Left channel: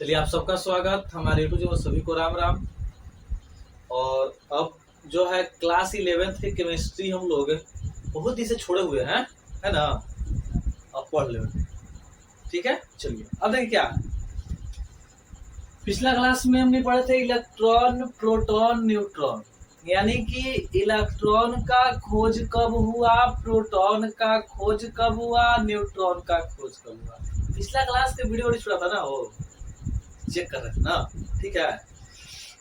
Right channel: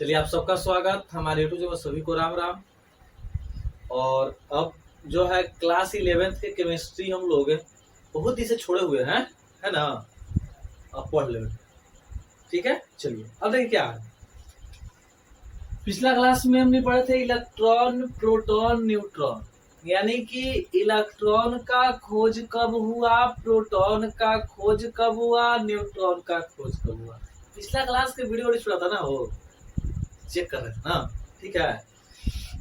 चलिए, आप सबका स्वागत हमारे यूट्यूब चैनल। सभी को राम राम। और अब जो है क्लास 11th के केमिस्ट्री हम लोग बहुत ही से छोड़े हुए हैं, है ना। अब पढ़ ले, ठीक है। चलिए अब देखिए क्या है। पिछला क्लास में हमने पढ़े थे इलेक्ट्रॉन, प्रोटॉन, न्यूट्रॉन, यानी कि इलेक्ट्रॉन का खोज कब हुआ, प्रोटॉन का खोज कब हुआ, न्यूट्रॉन का खोज कब हुआ। पिछला क्लास के वीडियो छोड़ा था ना, वो चेक कर रहे थे ना, ठीक है।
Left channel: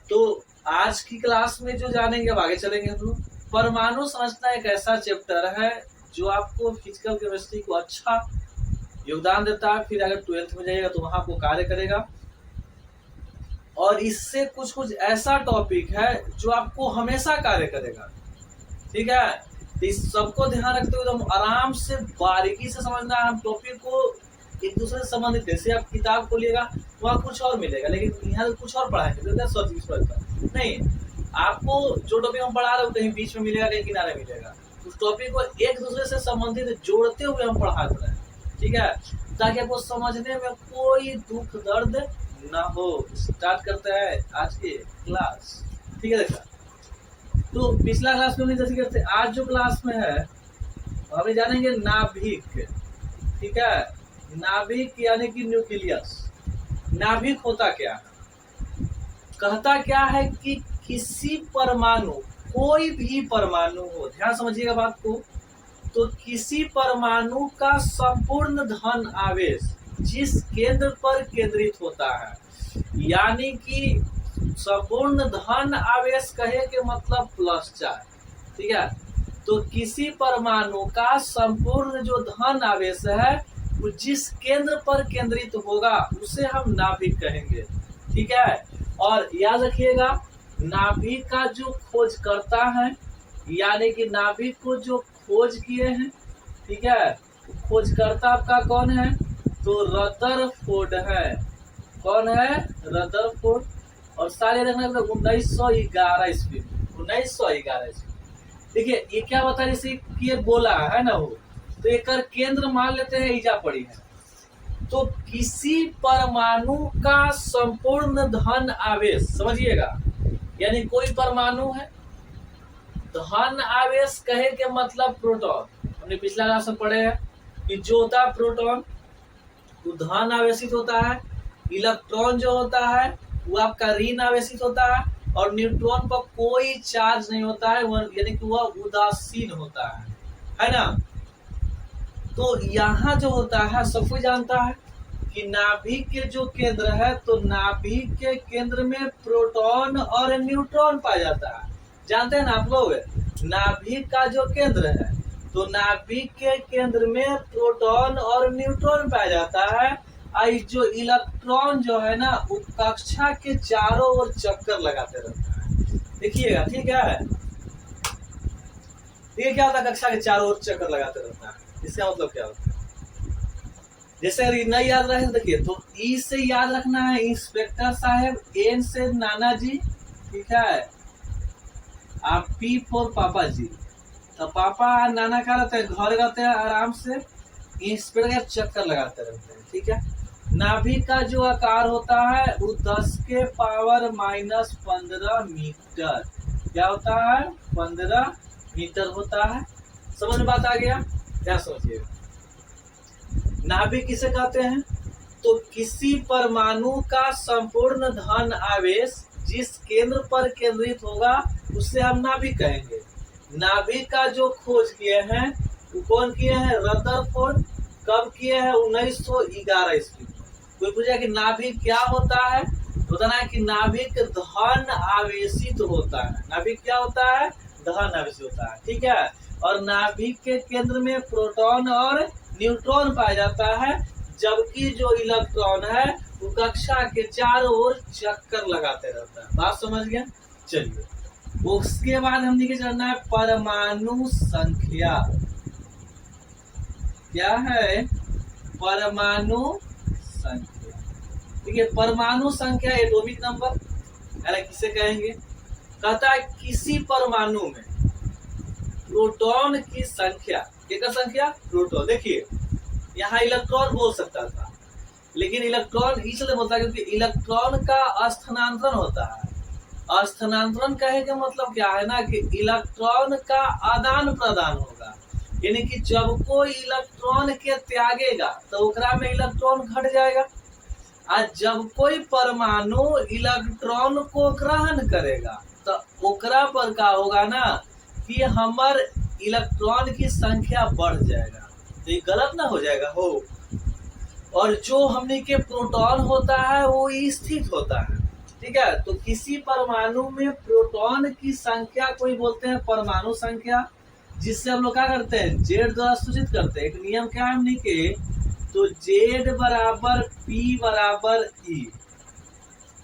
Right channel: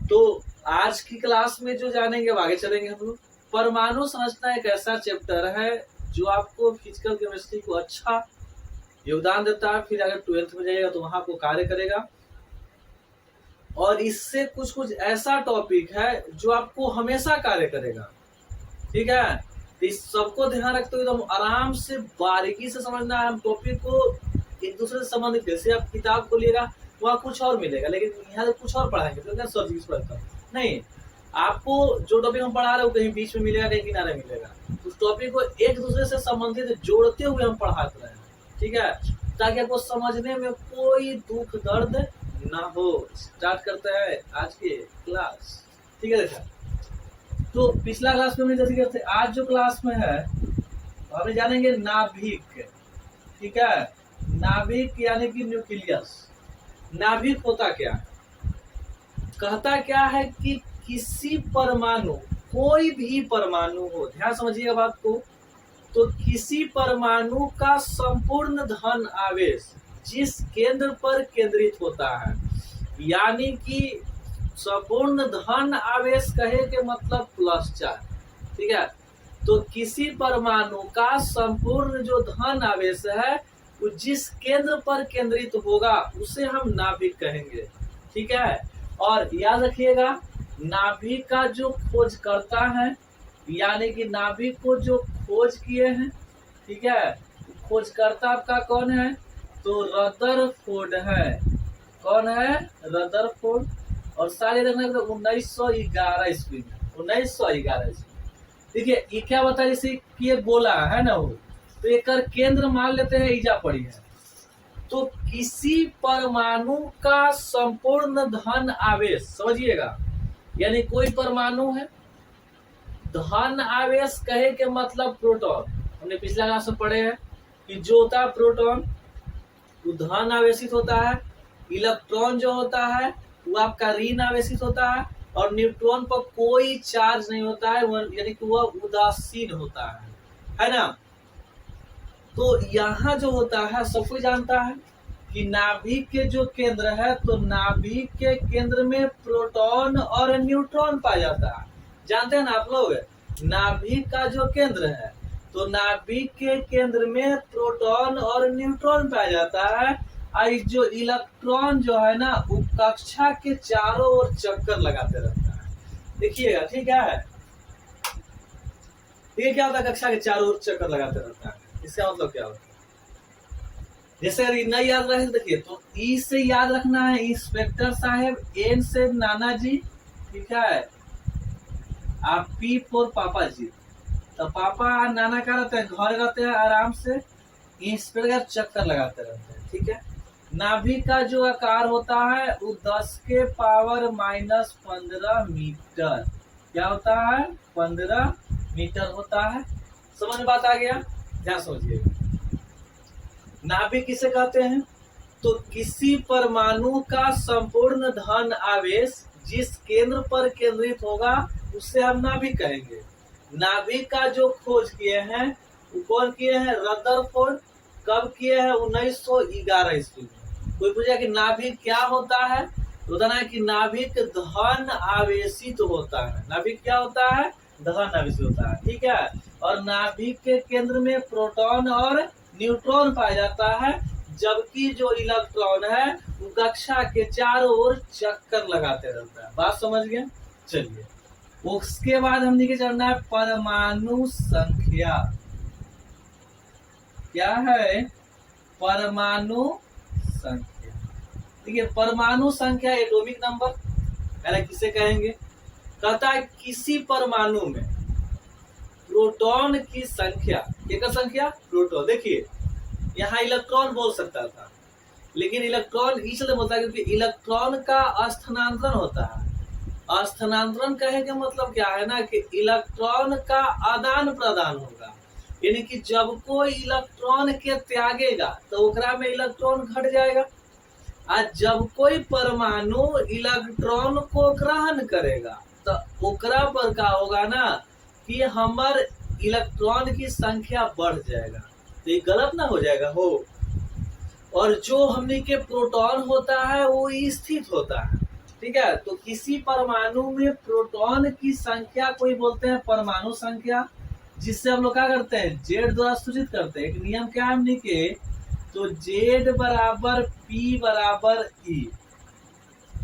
तो आज की क्लास में जो जानेंगे अब आगे चलेंगे हम लोग। परमाणु संरचना एक ऐसा चैप्टर है जो आपको फिजिकल केमिस्ट्री को अच्छा योगदान देता है। फिर अगर 12th में जाएगा तो वहां आपको कार्य करेगा। और इससे कुछ कुछ ऐसा टॉपिक है जो आपको हमेशा कार्य करेगा, ठीक है। तो इस सबको ध्यान रखते हुए तो आराम से बारीकी से समझना है। हम टॉपिक को एक दूसरे से संबंधित, जैसे आप किताब को लेगा वहाँ कुछ और मिलेगा, लेकिन यहाँ कुछ और पढ़ाएंगे तो क्या सोच नहीं। आपको जो टॉपिक हम पढ़ा रहे हो कहीं बीच में मिलेगा, कहीं किनारे मिलेगा। उस टॉपिक को एक दूसरे से संबंधित जोड़ते हुए हम पढ़ा रहे हैं, ठीक है, ताकि आपको समझने में कोई दुख दर्द ना हो। स्टार्ट करते हैं आज के क्लास, ठीक है। देखा तो पिछला क्लास में जैसे करते, आज जो क्लास में है हमें जानेंगे नाभिक, ठीक है। नाभिक यानी कि न्यूक्लियस। नाभिक होता क्या, कहता क्या है कि किसी परमाणु, कोई भी परमाणु हो, ध्यान समझिएगा बात को, तो किसी परमाणु का संपूर्ण धन आवेश जिस केंद्र पर केंद्रित होता है, यानी कि संपूर्ण धन आवेश कहे के मतलब +4, ठीक है। तो किसी परमाणु का संपूर्ण जो धन आवेश है वो जिस केंद्र पर केंद्रित होगा उसे हम नाभिक कहेंगे, ठीक है। और याद रखिएगा, नाभिक का जो खोज करता है, यानी कि नाभिक को जो खोज किए हैं, ठीक है, खोजकर्ता आपका कौन है, तो रदरफोर्ड है। कौन है, रदरफोर्ड। और सारे रखना 1911 ईस्वी में, 1911 ईस्वी। देखिए ये क्या बता, जैसे कि बोला है ना, वो तो एक केंद्र मान लेते हैं, ईजा पड़ी है। तो किसी परमाणु का संपूर्ण धन आवेश, समझिएगा, यानी कोई परमाणु है, धन आवेश कहे के मतलब प्रोटॉन। हमने पिछला क्लास में पढ़े हैं कि जो होता है प्रोटॉन वो धन आवेशित होता है, इलेक्ट्रॉन जो होता है वो आपका ऋण आवेशित होता है, और न्यूट्रॉन पर कोई चार्ज नहीं होता है, यानी कि वह उदासीन होता है ना। तो यहाँ जो होता है सब कोई जानता है कि नाभिक के जो केंद्र है, तो नाभिक के केंद्र में प्रोटॉन और न्यूट्रॉन पाया जाता है। जानते हैं ना आप लोग, नाभिक का जो केंद्र है, तो नाभिक के केंद्र में प्रोटॉन और न्यूट्रॉन पाया जाता है। और जो इलेक्ट्रॉन जो है ना, वो कक्षा के चारों ओर चक्कर लगाते रहता है। देखिएगा, ठीक है। ये क्या होता है, कक्षा के चारों ओर चक्कर लगाते रहता है। इसका मतलब क्या होता है, जैसे अगर नहीं याद रहे, देखिए तो ई से याद रखना है इंस्पेक्टर साहब, एन से नाना जी, ठीक है। आप पी फॉर पापा जी, तो पापा नाना क्या रहते हैं, घर रहते हैं आराम से, इंस्पेक्टर चक्कर लगाते रहते हैं, ठीक है। नाभिक का जो आकार होता है वो 10 के पावर -15 मीटर, क्या होता है, 15 मीटर होता है। समझ में बात आ गया, क्या समझिएगा। नाभिक किसे कहते हैं, तो किसी परमाणु का संपूर्ण धन आवेश जिस केंद्र पर केंद्रित होगा उसे हम नाभिक कहेंगे। नाभिक का जो खोज किए हैं वो कौन किए हैं, रदरफोर्ड। कब किए हैं, 1911 ईस्वी। कोई पूछा कि नाभिक क्या होता है, तो बताना है कि नाभिक धन आवेशित होता है। नाभिक क्या होता है, धन आवेशित होता है, ठीक है। और नाभिक के केंद्र में प्रोटॉन और न्यूट्रॉन पाया जाता है, जबकि जो इलेक्ट्रॉन है वो कक्षा के चारों ओर चक्कर लगाते रहता है। बात समझ गया। चलिए उसके बाद हमने क्या जानना है, परमाणु संख्या। क्या है, परमाणु संख्या। ठीक है, परमाणु संख्या एटॉमिक नंबर, यानी किसे कहेंगे, कहता है किसी परमाणु में प्रोटॉन की संख्या, एक संख्या प्रोटॉन। देखिए यहाँ इलेक्ट्रॉन बोल सकता था, लेकिन इलेक्ट्रॉन इसलिए बोलता है क्योंकि इलेक्ट्रॉन का स्थानांतरण होता है। स्थानांतरण कहने का मतलब क्या है ना कि इलेक्ट्रॉन का आदान प्रदान होगा, यानी कि जब कोई इलेक्ट्रॉन के त्यागेगा तो ओकरा में इलेक्ट्रॉन घट जाएगा, और जब कोई परमाणु इलेक्ट्रॉन को ग्रहण करेगा तो ओकरा पर का होगा ना कि हमार इलेक्ट्रॉन की संख्या बढ़ जाएगा। तो ये गलत ना हो जाएगा हो। और जो हमने के प्रोटॉन होता है वो स्थिर होता है, ठीक है। तो किसी परमाणु में प्रोटॉन की संख्या कोई बोलते हैं परमाणु संख्या, जिससे हम लोग क्या करते हैं जेड द्वारा सूचित करते हैं। एक नियम क्या है हमने के, तो जेड बराबर पी बराबर ई।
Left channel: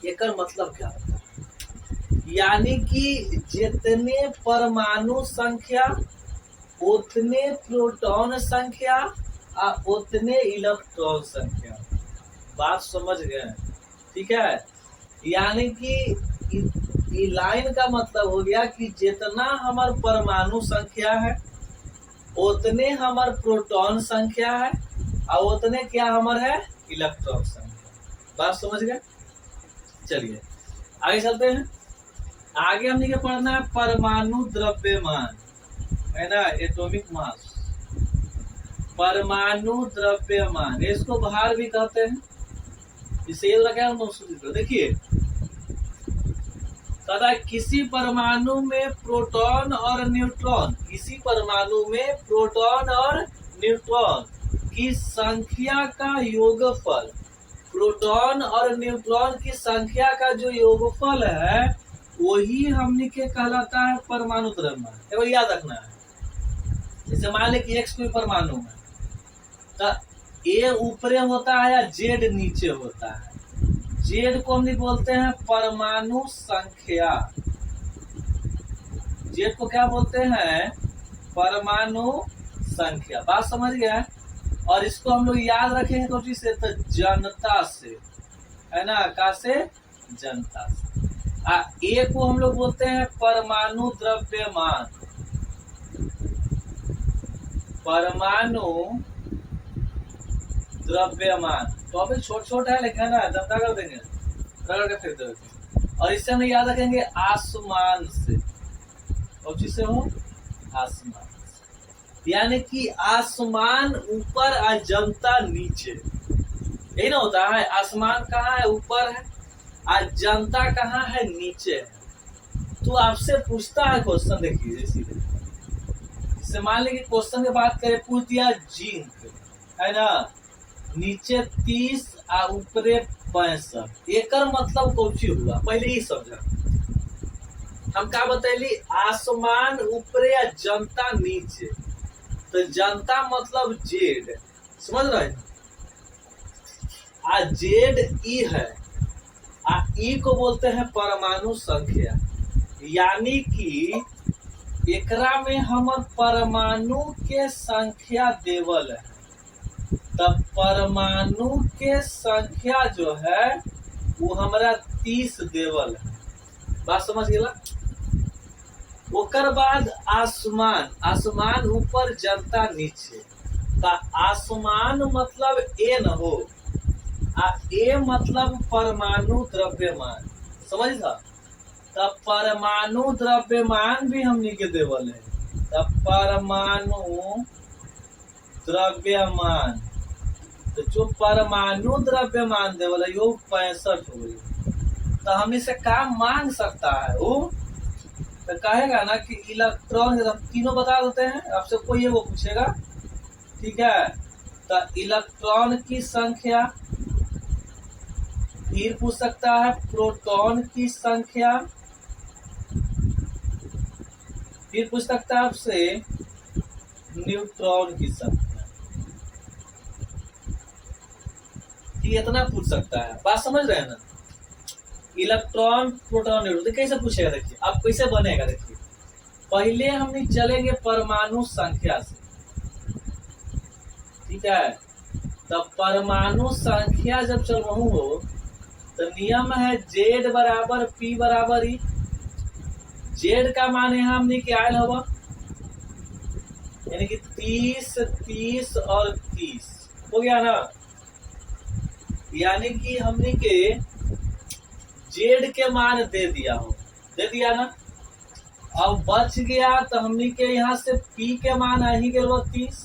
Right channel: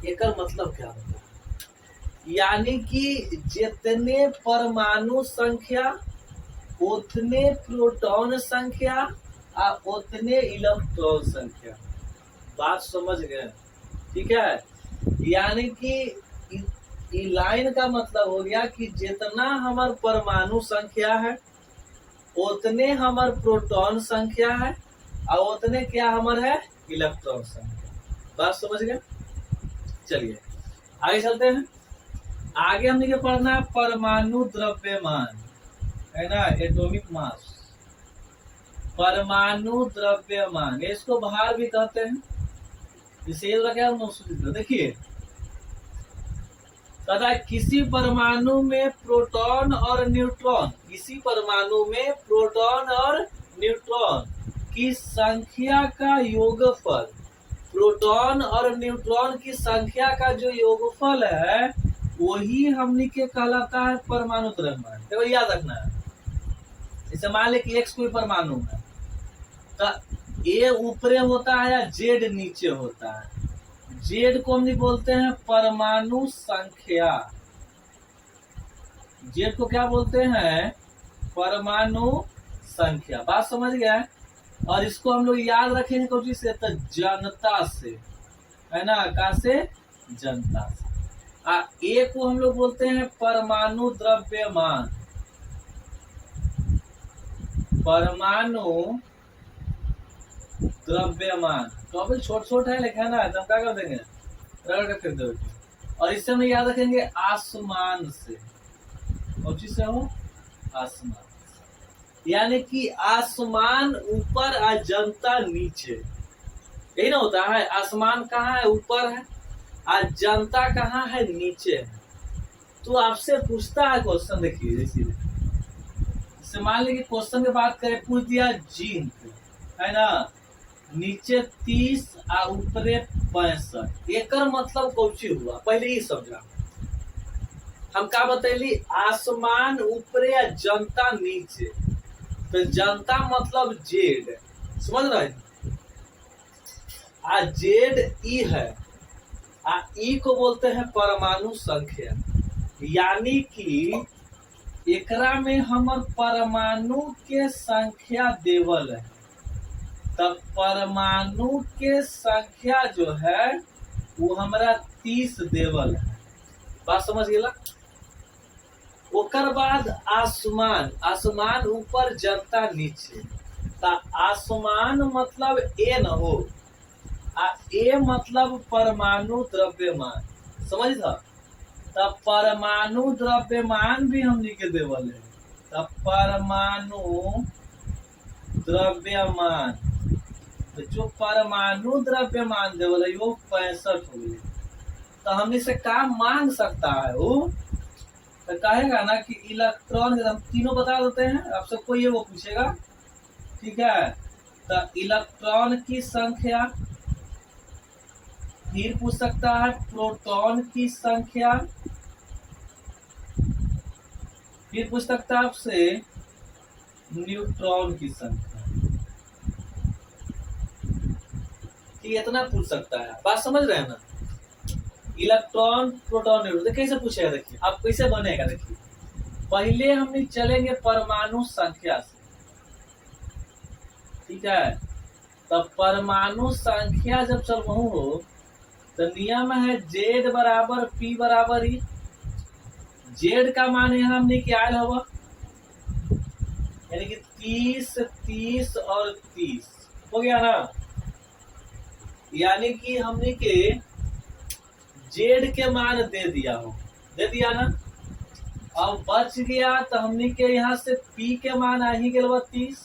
एक मतलब क्या होता है, यानी कि जितने परमाणु संख्या उतने प्रोटॉन संख्या और उतने इलेक्ट्रॉन संख्या। बात समझ गए, ठीक है। यानी कि लाइन का मतलब हो गया कि जितना हमार परमाणु संख्या है उतने हमार प्रोटॉन संख्या है और उतने क्या हमार है इलेक्ट्रॉन संख्या। बात समझ गए। चलिए आगे चलते हैं। आगे हमने क्या पढ़ना है, परमाणु द्रव्यमान, है ना, एटॉमिक मास। परमाणु द्रव्यमान, इसको भार भी कहते हैं, इसे लगा देखिए तथा किसी परमाणु में प्रोटॉन और न्यूट्रॉन, किसी परमाणु में प्रोटॉन और न्यूट्रॉन की संख्या का योगफल, प्रोटॉन और न्यूट्रॉन की संख्या का जो योगफल है वही हमने के कहलाता है परमाणु द्रव्यमान। केवल याद रखना है। जैसे मान ले कि एक्स कोई परमाणु है तो ए ऊपरे होता है या जेड नीचे होता है। जेड को हम बोलते हैं परमाणु संख्या, जेड को क्या बोलते हैं परमाणु संख्या। बात समझ गया। और इसको हम लोग याद रखेंगे तो से, तो जनता से, है ना, का से जनता से। ए को हम लोग बोलते हैं परमाणु द्रव्यमान, परमाणु द्रव्यमान। तो अभी छोट छोट है लेकिन है ना, तब क्या कर देंगे रगड़ के फेंक देंगे। और इससे हम याद रखेंगे आसमान से, और जिससे हो आसमान, यानी कि आसमान ऊपर और जनता नीचे, यही ना होता है। आसमान कहाँ है, ऊपर है, और जनता कहाँ है, नीचे है। तो आपसे पूछता है क्वेश्चन, देखिए जैसे मान लीजिए क्वेश्चन की बात करें, पूछ दिया जिंक, है ना, नीचे 30 और ऊपरे 65। एक मतलब कौची हुआ पहले ही समझा। हम क्या बतैली, आसमान ऊपरे या जनता नीचे, तो जनता मतलब जेड, समझ रहे हैं। आ जेड ई है, आ ई को बोलते हैं परमाणु संख्या, यानी कि एकरा में हमर परमाणु के संख्या देवल है। तब परमाणु के संख्या जो है वो हमारा 30 देवल है। बात समझ गेला। ओकर बाद आसमान, आसमान ऊपर जनता नीचे, ता आसमान मतलब ए न हो, आ ए मतलब परमाणु द्रव्यमान, समझ था। तब परमाणु द्रव्यमान भी हमने के देवल है। तब परमाणु द्रव्यमान, तो जो परमाणु द्रव्यमान देवल है वो 65 हो गई। तो हम इसे काम मांग सकता है वो, तो कहेगा ना कि इलेक्ट्रॉन, हम तीनों बता देते हैं, आपसे कोई ये वो पूछेगा, ठीक है। तो इलेक्ट्रॉन की संख्या, फिर पूछ सकता है प्रोटॉन की संख्या, फिर पूछ सकता है आपसे न्यूट्रॉन की संख्या। ठीक, इतना पूछ सकता है। बात समझ रहे हैं ना। इलेक्ट्रॉन प्रोटॉन न्यूट्रॉन कैसे पूछेगा, देखिए आप कैसे बनेगा। देखिए पहले हम चलेंगे परमाणु संख्या से, ठीक है। तब परमाणु संख्या जब चलू हो तो नियम है जेड बराबर पी बराबर ई। जेड का मान यहाँ हमने क्या आयल होगा, यानी कि 30 30 और 30 हो गया ना। यानी कि हमने के जेड के मान दे दिया हो, दे दिया ना। अब बच गया तो हमने के यहाँ से पी के मान आ ही गए 30,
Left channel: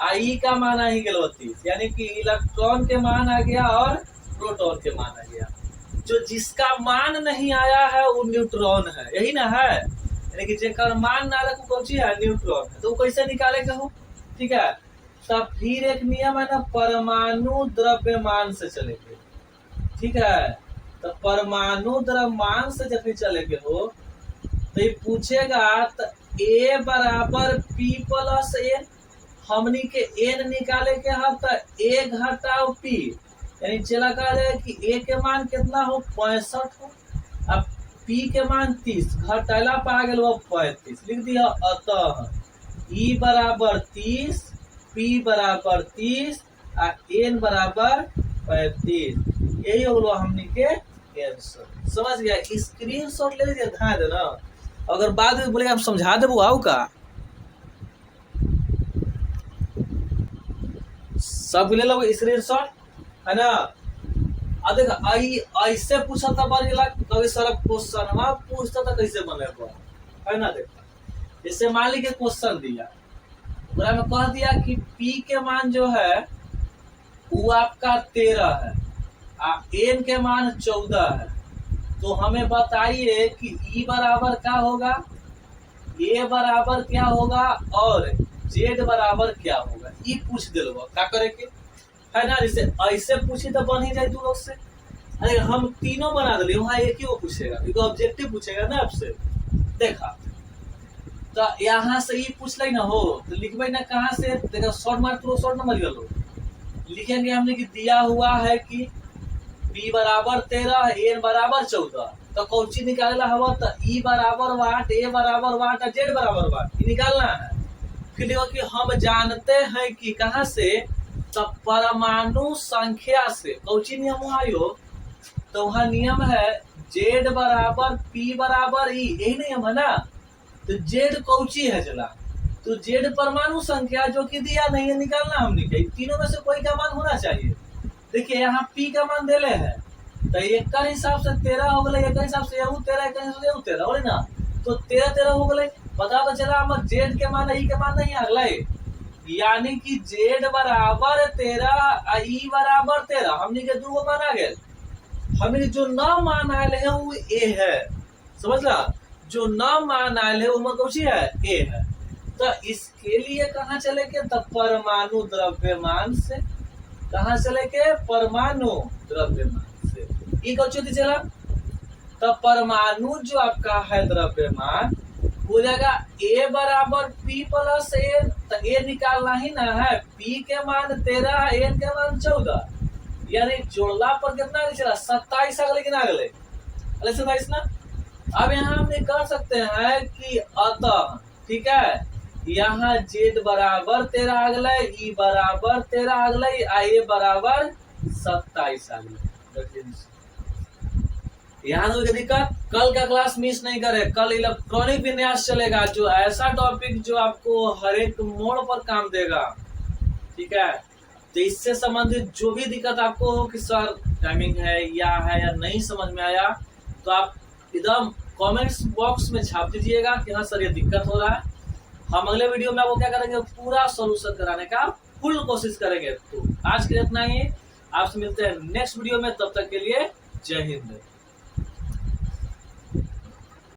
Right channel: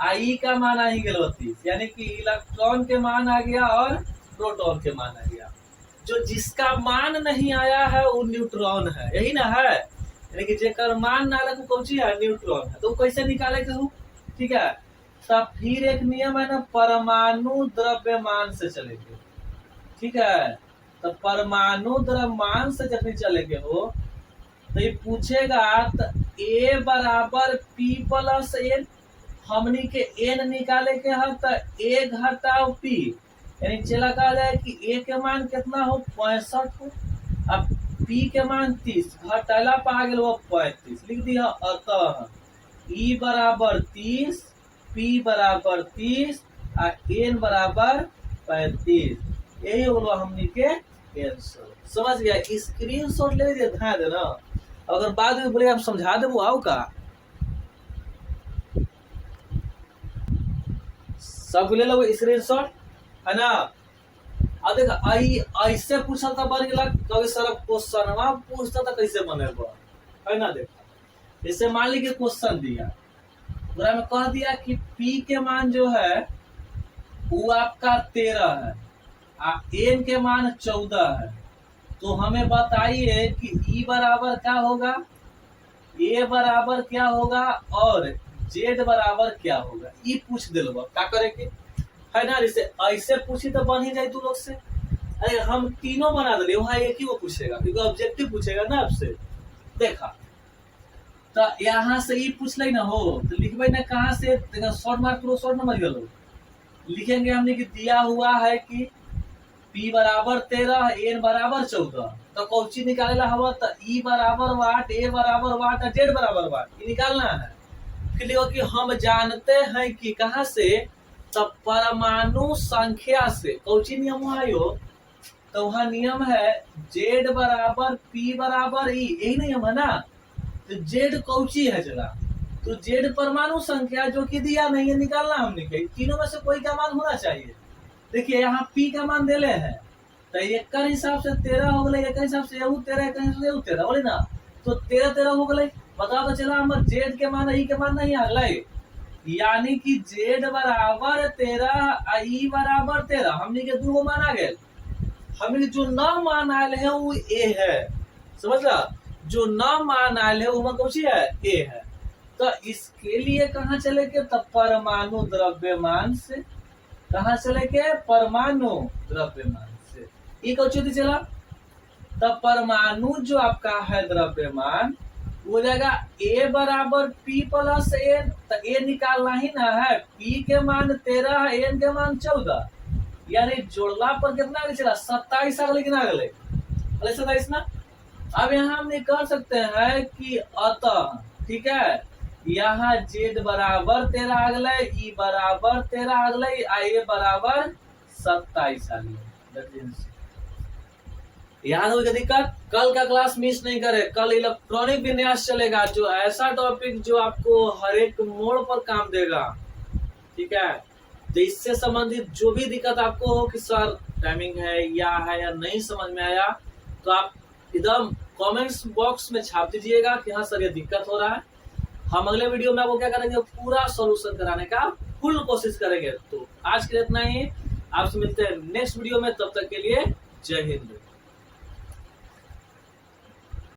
आई का मान आ ही गए 30, यानी कि इलेक्ट्रॉन के मान आ गया और प्रोटॉन के मान आ गया। जो जिसका मान नहीं आया है वो न्यूट्रॉन है, यही ना है। यानी कि जेकर मान ना रखो कौन सी है, न्यूट्रॉन है। तो वो कैसे निकाले कहूँ, ठीक है। तब फिर एक नियम है ना, परमाणु द्रव्यमान से चलेंगे, ठीक है। तो परमाणु द्रव्यमान से जब चलेंगे हो तो ये पूछेगा तो ए बराबर पी प्लस एन, हमनी के एन निकाले के है तो ए घटाओ पी, यानी चला कहा जाए कि ए के मान कितना हो 65 हो, अब पी के मान 30, घटाला पा गए वो 35, लिख दिया। अतः ई बराबर 30, पी बराबर 30 और एन बराबर 35, यही हो गया हमनी के आंसर। समझ गया, स्क्रीनशॉट ले लीजिए, ध्यान देना। अगर बाद में बोले आप समझा देबो आओ का, सब ले लो स्क्रीनशॉट, है ना। अब देखा आई ऐसे पूछा था बार गेला, कभी सारा क्वेश्चन पूछता था कैसे बनेगा, है ना। देखा जैसे मान लीजिए क्वेश्चन दिया, पूरा में कह दिया कि पी के मान जो है वो आपका 13 है, एन के मान 14 है। तो हमें बताइए कि ई बराबर क्या होगा, ए बराबर क्या होगा और जेड बराबर क्या होगा, ये पूछ दिलो क्या करे के, है ना। जैसे ऐसे पूछी तो बन ही जाए तू लोग से। अरे हम तीनों बना दिले, वहाँ एक ही वो पूछेगा क्योंकि ऑब्जेक्टिव पूछेगा ना आपसे। देखा तो यहाँ से ये पूछ ले ना हो तो लिखबे ना कहाँ से, देखा शॉर्ट मार्क लो, शॉर्ट नंबर लो लिखेंगे हमने कि दिया हुआ है कि पी बराबर 13, एन बराबर 14, तो कौची निकालना हवा तो ई बराबर वाट, ए बराबर वाट, जेड बराबर वाट, ये निकालना है। फिर देखो कि हम जानते हैं कि कहाँ से, तब परमाणु संख्या से कौची नियम आयो, तो वहाँ नियम है जेड बराबर पी बराबर ई, यही नियम है ना। तो जेड कौची है चला, तो जेड परमाणु संख्या जो कि दिया नहीं है, निकालना हमने के तीनों में से कोई का मान होना चाहिए। देखिए यहाँ पी का मान दिले है तो एक हिसाब से 13 हो गए, एक हिसाब से 13, एक हिसाब से 13 बोले ना, तो 13 हो गए। पता तो चला हमारे जेड के मान ई के मान नहीं अगला, यानी कि जेड बराबर 13, ई बराबर 13, हमने के दो मान आ गए। हमने जो न मान आए हैं वो ए है, समझला। जो न मान आए हैं वो कौन सी है, ए है। तो इसके लिए कहाँ चले के, तो परमाणु द्रव्यमान से, कहाँ से लेके, परमाणु द्रव्यमान से। ई कौन चला, तो परमाणु जो आपका है द्रव्यमान वो जाएगा ए बराबर पी प्लस एन, तो ए निकालना ही ना है, पी के मान 13 है, एन के मान 14, यानी जोड़ला पर कितना चला 27 आ गए, अगले 27 ना। अब यहाँ हमने कर सकते हैं कि अतः, ठीक है, यहाँ जेड बराबर 13 आ गए, ई बराबर 13 आ गए, ए बराबर 27 आ गए। याद हो गया दिक्कत। कल का क्लास मिस नहीं करे, कल इलेक्ट्रॉनिक विन्यास चलेगा, जो ऐसा टॉपिक जो आपको हर एक मोड़ पर काम देगा, ठीक है। तो इससे संबंधित जो भी दिक्कत आपको हो कि सर टाइमिंग है या नहीं समझ में आया, तो आप एकदम कमेंट्स बॉक्स में छाप दीजिएगा कि हाँ सर ये दिक्कत हो रहा है। हम अगले वीडियो में आपको क्या करेंगे, पूरा सॉल्यूशन कराने का फुल कोशिश करेंगे। तो आज के लिए इतना ही, आपसे मिलते हैं नेक्स्ट वीडियो में, तब तक के लिए जय हिंद।